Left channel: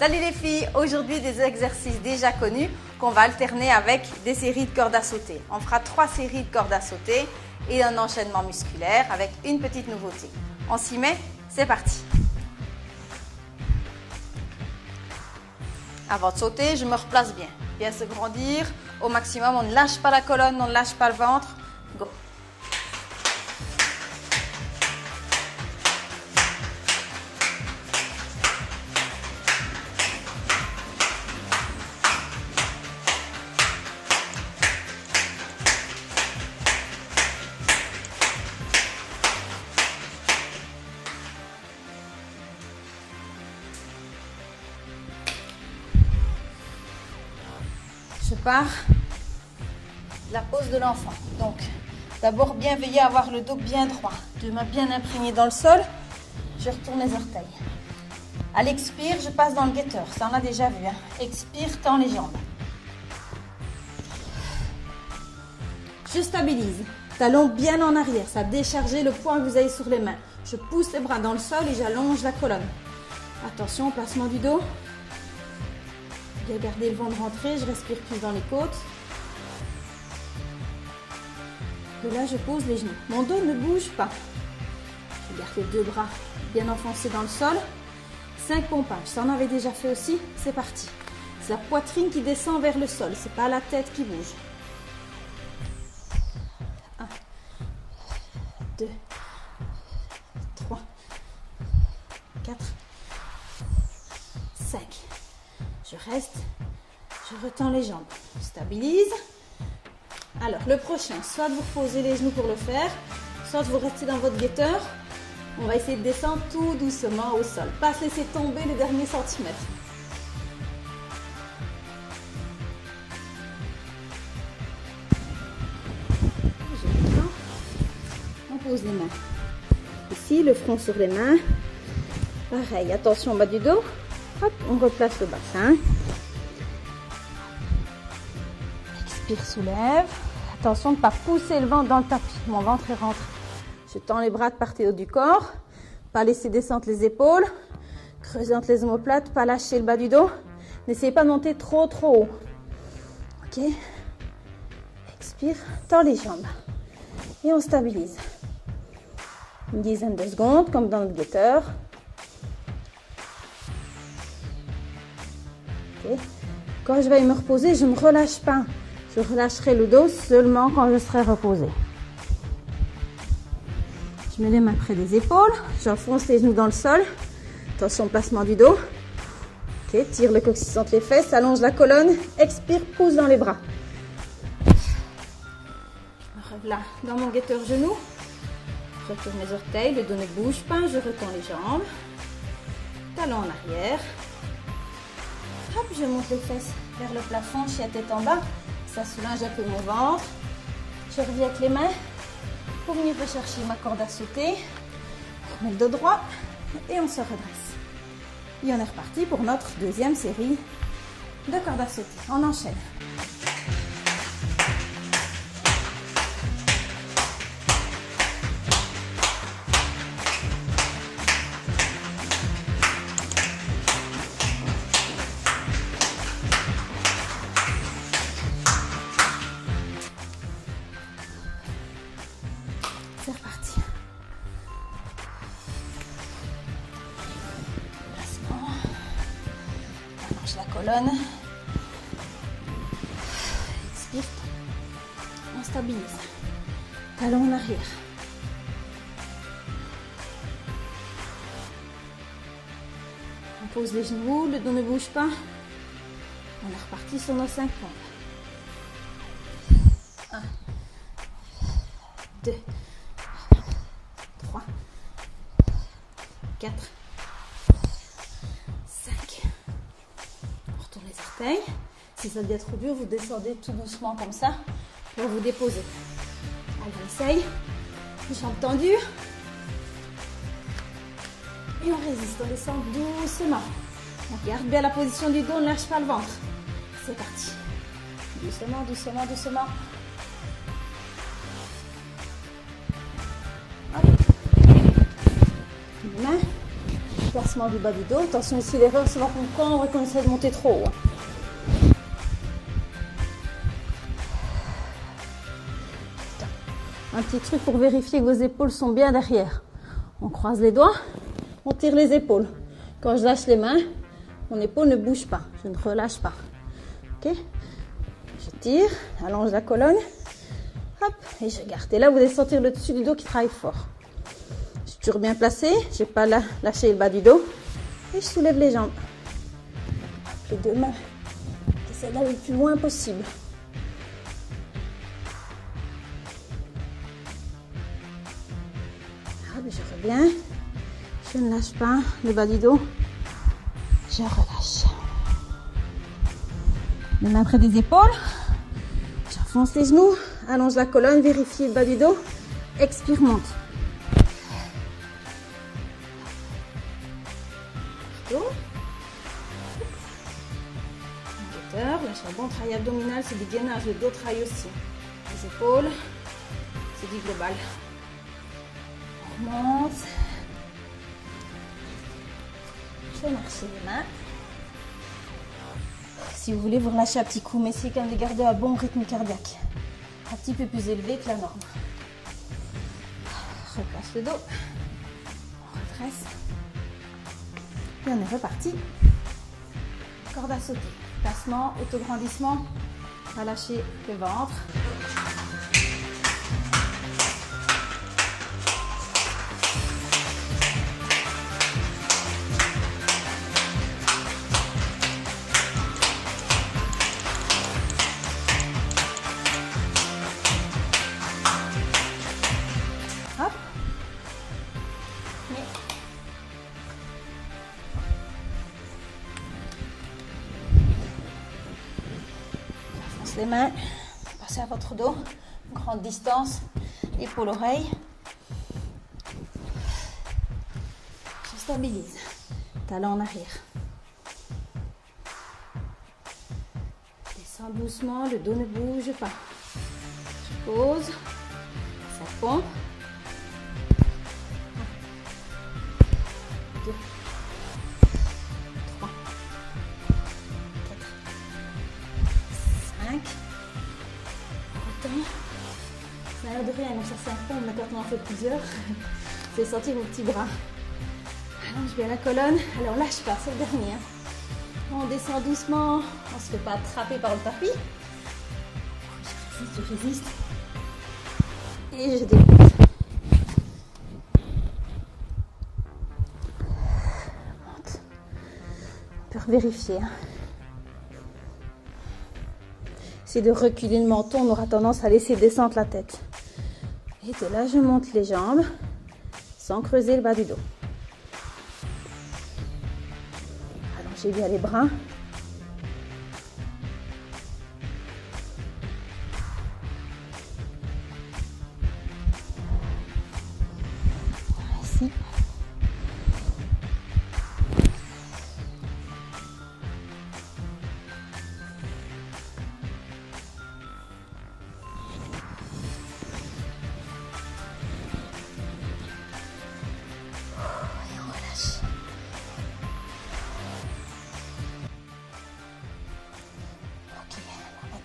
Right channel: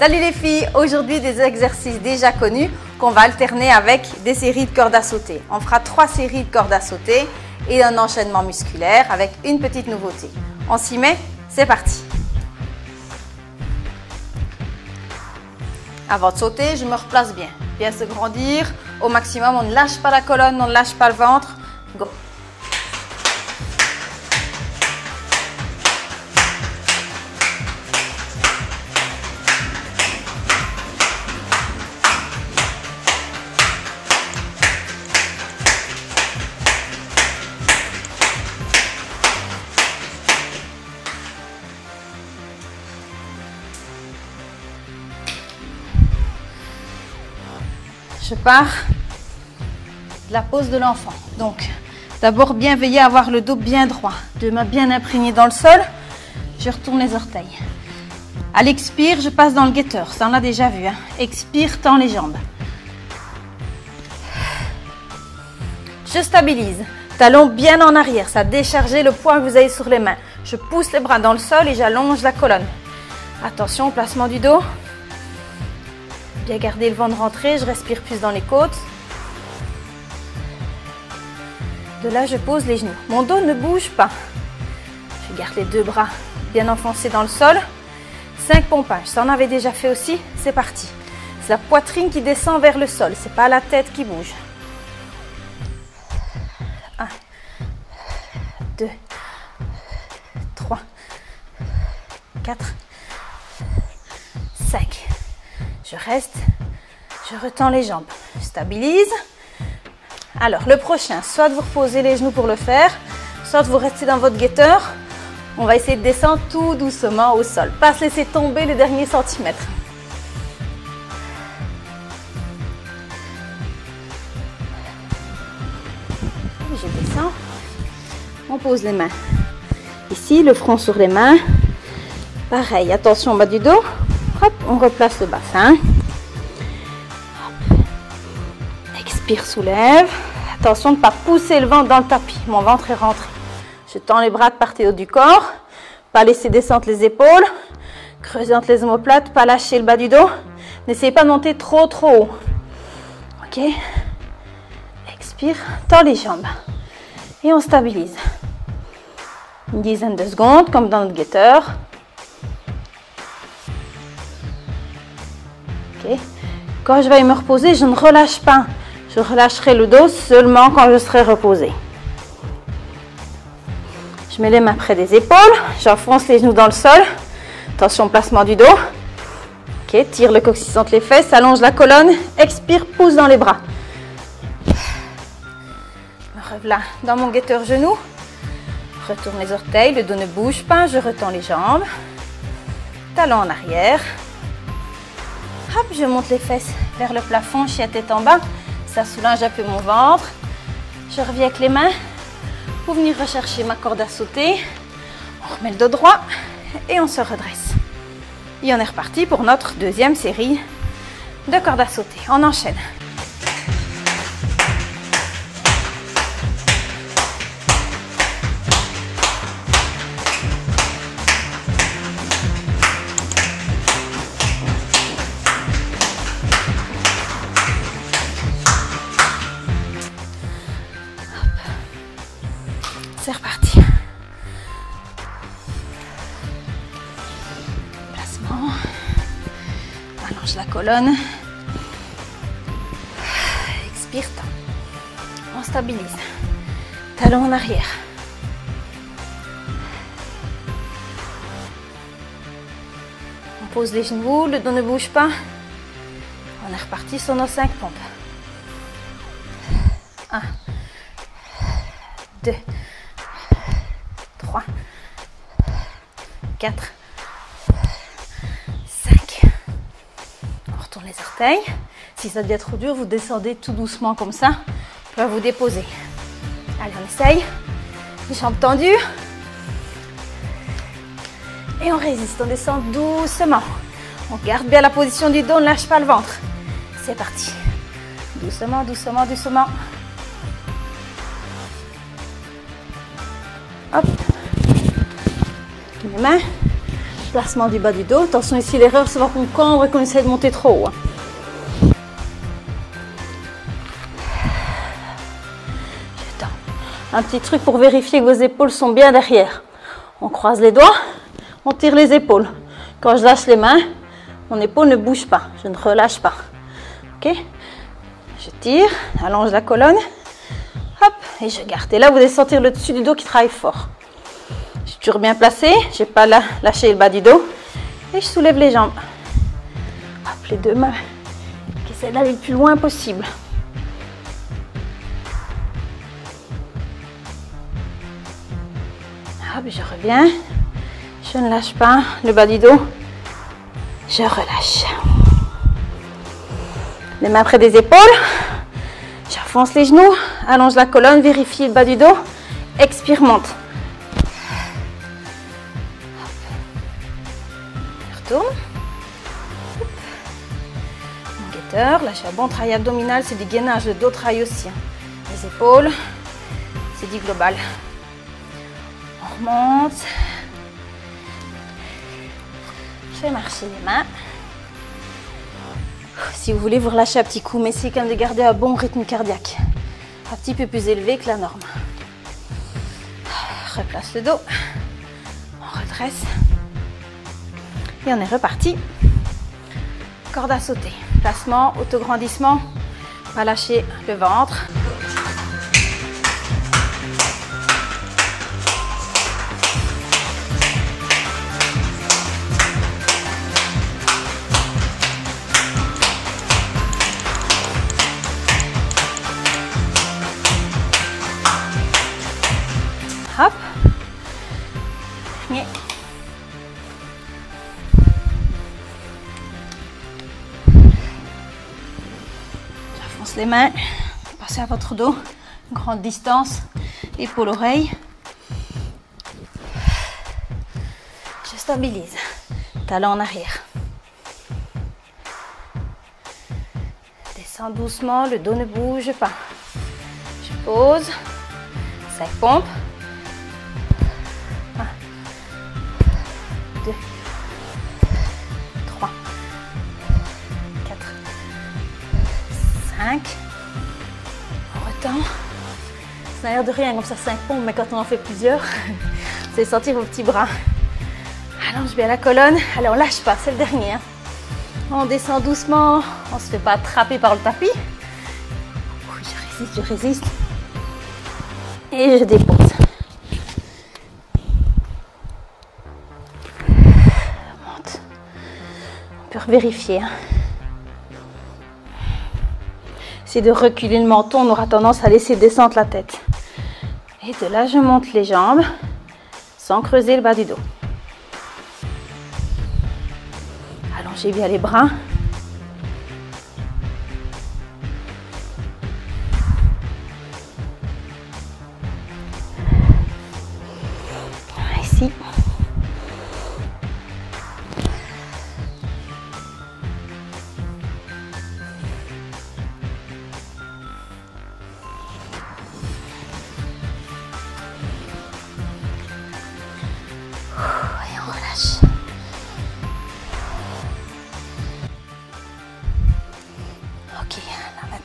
Salut les filles, aujourd'hui des exercices déjà connus qu'on va alterner avec des séries de cordes à sauter. On fera 3 séries de cordes à sauter et un enchaînement musculaire avec une petite nouveauté. On s'y met? C'est parti! Avant de sauter, je me replace bien. Bien se grandir au maximum, on ne lâche pas la colonne, on ne lâche pas le ventre. Go! Je pars de la pose de l'enfant. Donc, d'abord bien veiller à avoir le dos bien droit, deux mains bien imprégnées dans le sol. Je retourne les orteils. À l'expire, je passe dans le guetteur. Ça, on l'a déjà vu. Hein. Expire, tends les jambes. Je stabilise. Talons bien en arrière. Ça décharge le poids que vous avez sur les mains. Je pousse les bras dans le sol et j'allonge la colonne. Attention au placement du dos. Bien garder le ventre rentré, je respire plus dans les côtes. De là, je pose les genoux. Mon dos ne bouge pas. Je garde les deux bras bien enfoncés dans le sol. 5 pompages. Ça, on avait déjà fait aussi. C'est parti. C'est la poitrine qui descend vers le sol. C'est pas la tête qui bouge. 1, 2, 3, 4, 5. Je reste, je retends les jambes, je stabilise. Alors, le prochain, soit vous reposez les genoux pour le faire, soit vous restez dans votre guetteur. On va essayer de descendre tout doucement au sol, pas se laisser tomber les derniers centimètres. Je descends, on pose les mains. Ici, le front sur les mains. Pareil, attention au bas du dos. Hop, on replace le bassin. Hop. Expire, soulève. Attention de ne pas pousser le ventre dans le tapis. Mon ventre est rentré. Je tends les bras de part et d'autre du corps. Pas laisser descendre les épaules. Creuser entre les omoplates. Pas lâcher le bas du dos. N'essayez pas de monter trop haut. Ok. Expire. Tends les jambes. Et on stabilise. Une dizaine de secondes, comme dans notre guetteur. Quand je vais me reposer, je ne relâche pas. Je relâcherai le dos seulement quand je serai reposée. Je mets les mains près des épaules. J'enfonce les genoux dans le sol. Attention au placement du dos. Ok, tire le coccyx entre les fesses, allonge la colonne. Expire, pousse dans les bras. Me revoilà dans mon guetteur genou. Retourne les orteils, le dos ne bouge pas. Je retends les jambes. Talons en arrière. Hop, je monte les fesses vers le plafond, chien tête en bas. Ça soulage un peu mon ventre. Je reviens avec les mains pour venir rechercher ma corde à sauter. On remet le dos droit et on se redresse. Et on est reparti pour notre deuxième série de cordes à sauter. On enchaîne. C'est reparti. Placement. Allonge la colonne. Expire. On stabilise. Talons en arrière. On pose les genoux, le dos ne bouge pas. On est reparti sur nos 5 pompes. 1, 2, 3, 4, 5. On retourne les orteils. Si ça devient trop dur, vous descendez tout doucement comme ça. Je vais vous déposer. Allez, on essaye. Les jambes tendues. Et on résiste. On descend doucement. On garde bien la position du dos. On ne lâche pas le ventre. C'est parti. Doucement, doucement, doucement. Hop. Les mains. Placement du bas du dos. Attention ici, l'erreur, c'est qu'on cambre et qu'on essaie de monter trop haut. Un petit truc pour vérifier que vos épaules sont bien derrière. On croise les doigts, on tire les épaules. Quand je lâche les mains, mon épaule ne bouge pas, je ne relâche pas. Ok? Je tire, allonge la colonne, hop, et je garde. Et là, vous allez sentir le dessus du dos qui travaille fort. Je suis toujours bien placée, je n'ai pas lâché le bas du dos. Et je soulève les jambes. Hop, les deux mains qui essaient d'aller le plus loin possible. Hop, je reviens. Je ne lâche pas le bas du dos. Je relâche. Les mains près des épaules. J'avance les genoux. Allonge la colonne. Vérifie le bas du dos. Expire, monte. Retourne. Guetteur. Lâche un bon travail abdominal. C'est du gainage. Le dos travaille aussi. Les épaules. C'est du global. On remonte. Je fais marcher les mains. Si vous voulez vous relâcher un petit coup, mais essayez quand même de garder un bon rythme cardiaque. Un petit peu plus élevé que la norme. Replace le dos. On redresse. Et on est reparti. Corde à sauter. Placement, autograndissement. Pas lâcher le ventre. Hop. Et j'avance les mains. Passez à votre dos. Grande distance. Épaule-oreille. Je stabilise. Talon en arrière. Descends doucement. Le dos ne bouge pas. Je pose. Ça pompe. 2, 3, 4, 5. On retend. Ça a l'air de rien comme ça, 5 pompes, mais quand on en fait plusieurs, vous allez sentir vos petits bras. Allonge bien la colonne. Allez, on lâche pas, c'est le dernier. Hein. On descend doucement. On ne se fait pas attraper par le tapis. Je résiste. Et je dépose. On peut vérifier. C'est de reculer le menton, on aura tendance à laisser descendre la tête. Et de là, je monte les jambes sans creuser le bas du dos. Allongez bien les bras. Ici.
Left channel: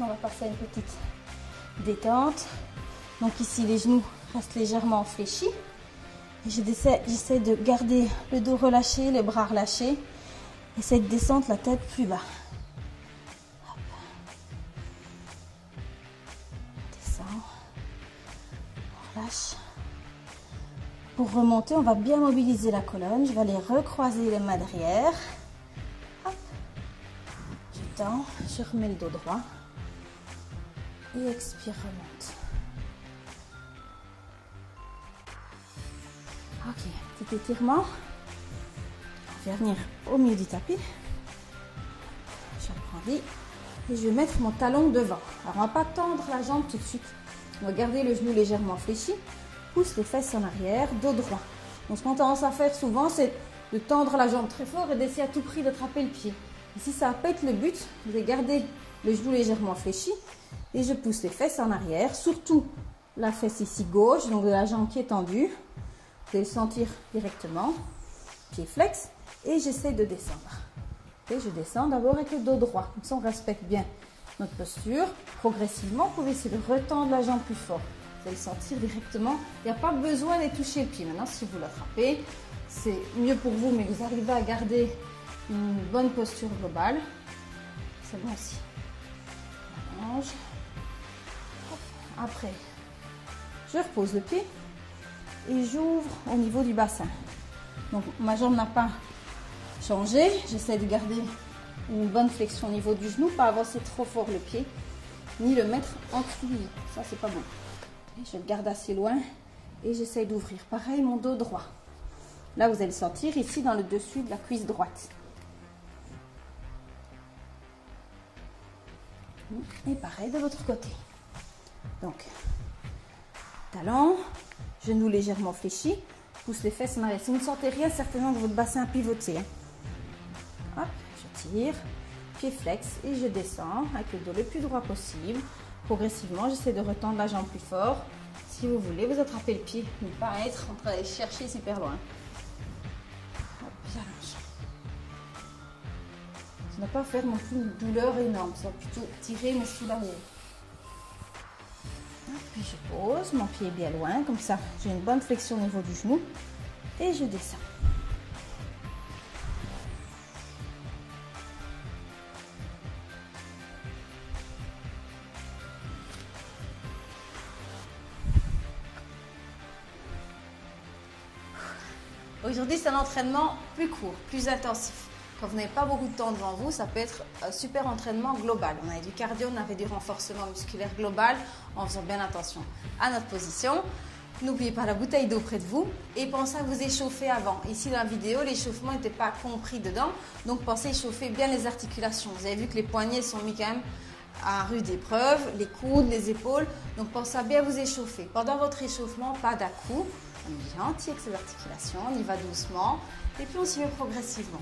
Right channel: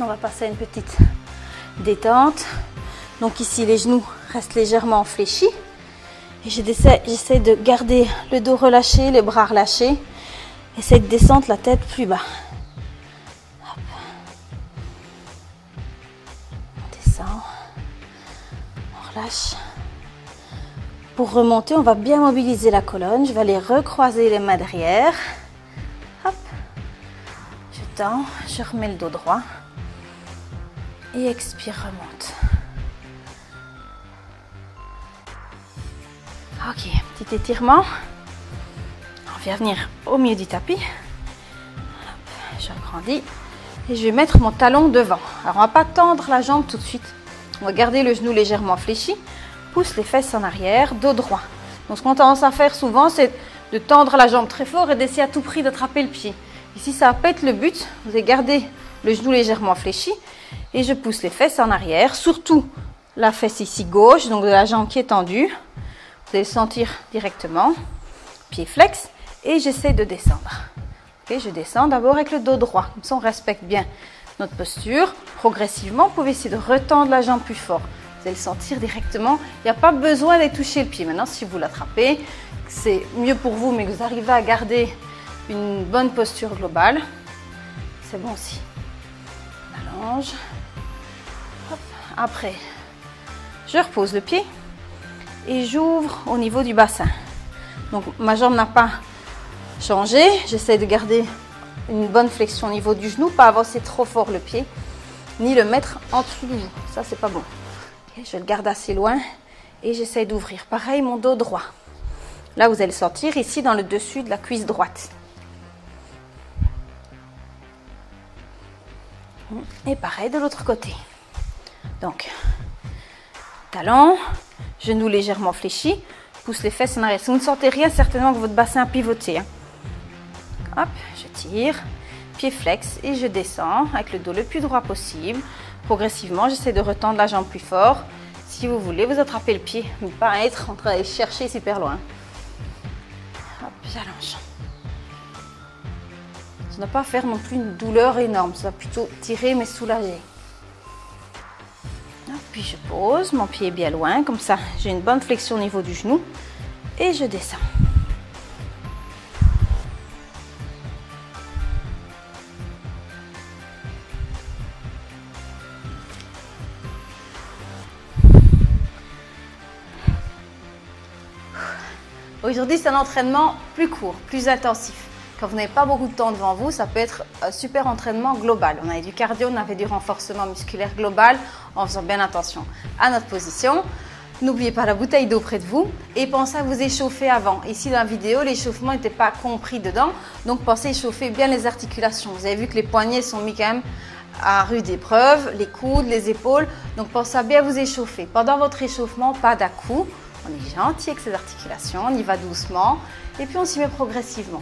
On va passer à une petite détente. Donc ici, les genoux restent légèrement fléchis. Et j'essaie de garder le dos relâché, les bras relâchés. Essaye de descendre la tête plus bas. Hop. On descend. On relâche. Pour remonter, on va bien mobiliser la colonne. Je vais aller recroiser les mains derrière. Hop. Je tends, je remets le dos droit. Et expire, remonte. Ok, petit étirement. On vient venir au milieu du tapis. Je agrandis. Et je vais mettre mon talon devant. Alors, on ne va pas tendre la jambe tout de suite. On va garder le genou légèrement fléchi. Pousse les fesses en arrière, dos droit. Donc, ce qu'on a tendance à faire souvent, c'est de tendre la jambe très fort et d'essayer à tout prix d'attraper le pied. Ici, ça va pas être le but. Vous allez garder le genou légèrement fléchi. Et je pousse les fesses en arrière, surtout la fesse ici gauche, donc de la jambe qui est tendue. Vous allez le sentir directement. Pied flex. et j'essaie de descendre. Okay, je descends d'abord avec le dos droit, comme ça on respecte bien notre posture. Progressivement, vous pouvez essayer de retendre la jambe plus fort. Vous allez sentir directement, il n'y a pas besoin d'aller toucher le pied. Maintenant, si vous l'attrapez, c'est mieux pour vous, mais que vous arrivez à garder une bonne posture globale, c'est bon aussi. Allonge. Hop. Après, je repose le pied et j'ouvre au niveau du bassin. Donc, ma jambe n'a pas changé. J'essaie de garder une bonne flexion au niveau du genou, pas avancer trop fort le pied, ni le mettre en dessous du genou. Ça, c'est pas bon. Okay, je le garde assez loin et j'essaie d'ouvrir. Pareil, mon dos droit. Là, vous allez sentir ici dans le dessus de la cuisse droite. Et pareil de l'autre côté. Donc, talon, genou légèrement fléchi, pousse les fesses en arrière. Si vous ne sentez rien, certainement que votre bassin a pivoté. Hein. Hop, je tire, pied flex et je descends avec le dos le plus droit possible. Progressivement, j'essaie de retendre la jambe plus fort. Si vous voulez, vous attrapez le pied, ne pas être en train d'aller chercher super loin. Hop, j'allonge. Ça ne doit pas faire non plus une douleur énorme, ça va plutôt tirer mais soulager. Puis je pose, mon pied est bien loin, comme ça j'ai une bonne flexion au niveau du genou et je descends. Aujourd'hui, c'est un entraînement plus court, plus intensif. Quand vous n'avez pas beaucoup de temps devant vous, ça peut être un super entraînement global. On avait du cardio, on avait du renforcement musculaire global en faisant bien attention à notre position. N'oubliez pas la bouteille d'eau près de vous et pensez à vous échauffer avant. Ici dans la vidéo, l'échauffement n'était pas compris dedans, donc pensez à échauffer bien les articulations. Vous avez vu que les poignets sont mis quand même à rude épreuve, les coudes, les épaules, donc pensez à bien vous échauffer. Pendant votre échauffement, pas d'à-coups. On est gentil avec ces articulations, on y va doucement et puis on s'y met progressivement.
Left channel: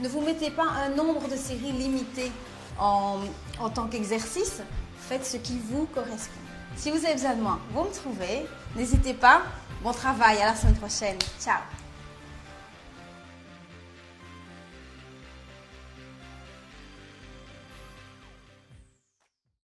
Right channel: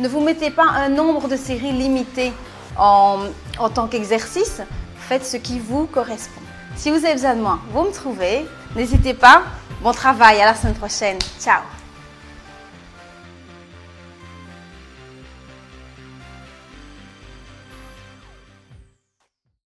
Ne vous mettez pas un nombre de séries limité en tant qu'exercice, faites ce qui vous correspond. Si vous avez besoin de moi, vous me trouvez, n'hésitez pas. Bon travail, à la semaine prochaine. Ciao!